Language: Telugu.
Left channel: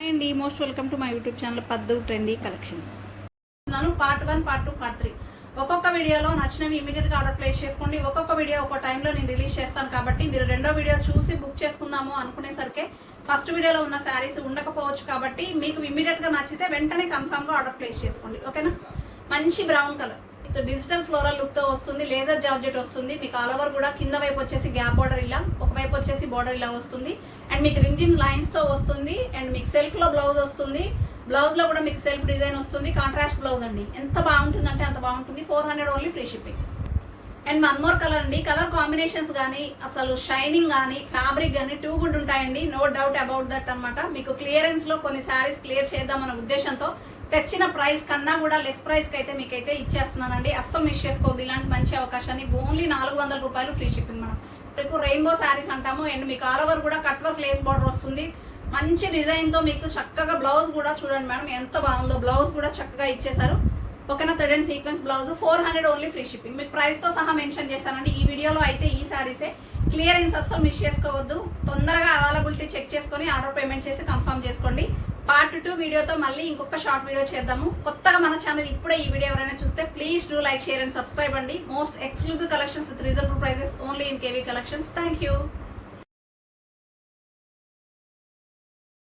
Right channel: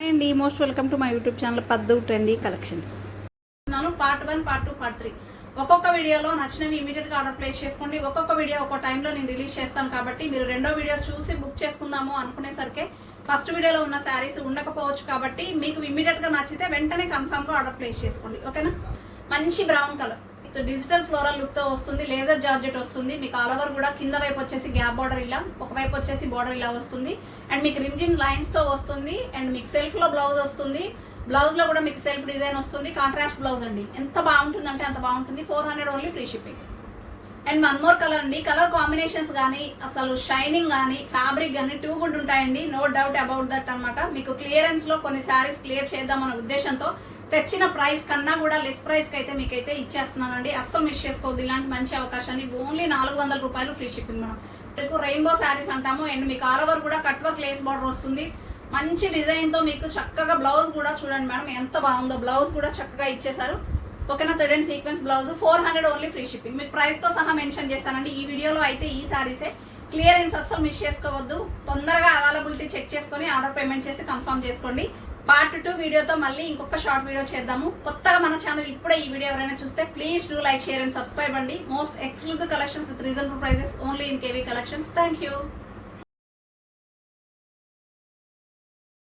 అండి most welcome to my YouTube channel Paddu trendy collections. Part 1, part 2, part 3 ఒక్కొక్క వీడియోలో నచ్చినవి ఇమీడియట్ గా ఆర్డర్ ప్లేస్ చేసుకోండి. ఒక్కొక్క వీడియో ఒక్కొక్క టైంలో నేను రిలీజ్ చేస్తాను కాబట్టి మీరు రెండో వీడియో చూసి బుక్ చేసుకుందాము అనుకునేసరికి ఫస్ట్ వీడియోలో ఉన్న శారీస్ ఉండకపోవచ్చు కాబట్టి మీకు ఇమీడియట్ గా నచ్చితే వెంటనే కన్ఫర్మ్ గా ఆర్డర్ ప్లేస్ చేసుకోండి. ఓకేనా? మంచి brown colour digital floral look తో వస్తుంది. లేజర్ జార్జెట్ వస్తుంది. మీకు ఆల్ ఓవర్ కూడా కింద వైపు వచ్చేసి గ్యాప్ బార్డర్ ఇలా, ఒకవైపు వచ్చేసి బార్డర్ ఇలా వస్తుంది. అండ్ మీకు రింజిన్ లైన్స్ తో వస్తుంది. అండ్ మీకు సెల్ఫ్ లో బ్లౌజ్ వస్తుంది. బ్లౌజ్ లో కూడా మీకు సెల్ఫ్ డిజైన్ వస్తుంది. కాంట్రాస్ట్ బ్లౌజ్ అండి. ఎంత బాగుంటుంది అంటే అంత బాగుంటుంది. 400 only free shipping. And one more colour అండి. కలర్ కాంబినేషన్స్ కానీ అసలు షైనింగ్ కానీ ఫ్యాబ్రిక్ కానీ టూ గుడ్ ఉంటాయండి. నో డౌట్ అబౌట్ దట్ అనమాట. మీకు క్లియరెన్స్ లో కొన్ని శారీస్ క్లియర్ చేద్దామన్న ఉద్దేశంతో తెచ్చిన ప్రైస్ కన్నా కూడా లెస్ ప్రైస్ కి అయితే మీకైతే ఇచ్చేస్తున్నానండి. అస్సలు మిస్ చేసుకోవద్దు ఇలాంటి మంచి అవకాశాన్ని. ఓన్లీ 400 రూపాయలు ఫ్రీ షిప్పింగ్. మనం మీకు రెయిన్బో శారీస్ అంటాము. అండ్ మీకు ఆల్ ఓవర్ కూడా కట్ వర్క్ లేస్ బార్డర్ వస్తుంది. మంచి డిజైన్ తో మీకు చక్కగా బ్లౌజ్ కూడా చూడండి మేడం ఎంత బాగుందో. బ్లౌజ్ కూడా చక్కగా ఇచ్చేసారు. ఓకేనా? Thread and sequence blouse 400 only free shipping. మీకు ప్రైస్ తో సహా మెన్షన్ చేశానండి ఈ వీడియోలో. అయితే ఈ శారీసే క్లియరెన్స్ అస్సలు మిస్ చేసుకోవద్దు. తొందరగా అవైలబిలిటీ చెక్ చేసుకుని ఆర్డర్ పేమెంట్ చేసి కన్ఫర్మ్ చేసుకోండి. పార్ట్ 2 వీడియోతో మళ్ళీ ఇంకొక షార్ట్ వీడియో చేద్దాము. కొత్తగా మన ఛానల్ ఇప్పుడే ఈ వీడియో ఎవరైనా చూస్తే please do like, share and subscribe అండి. Most exclusive collections with reasonable prices only in KV collections. Thank you.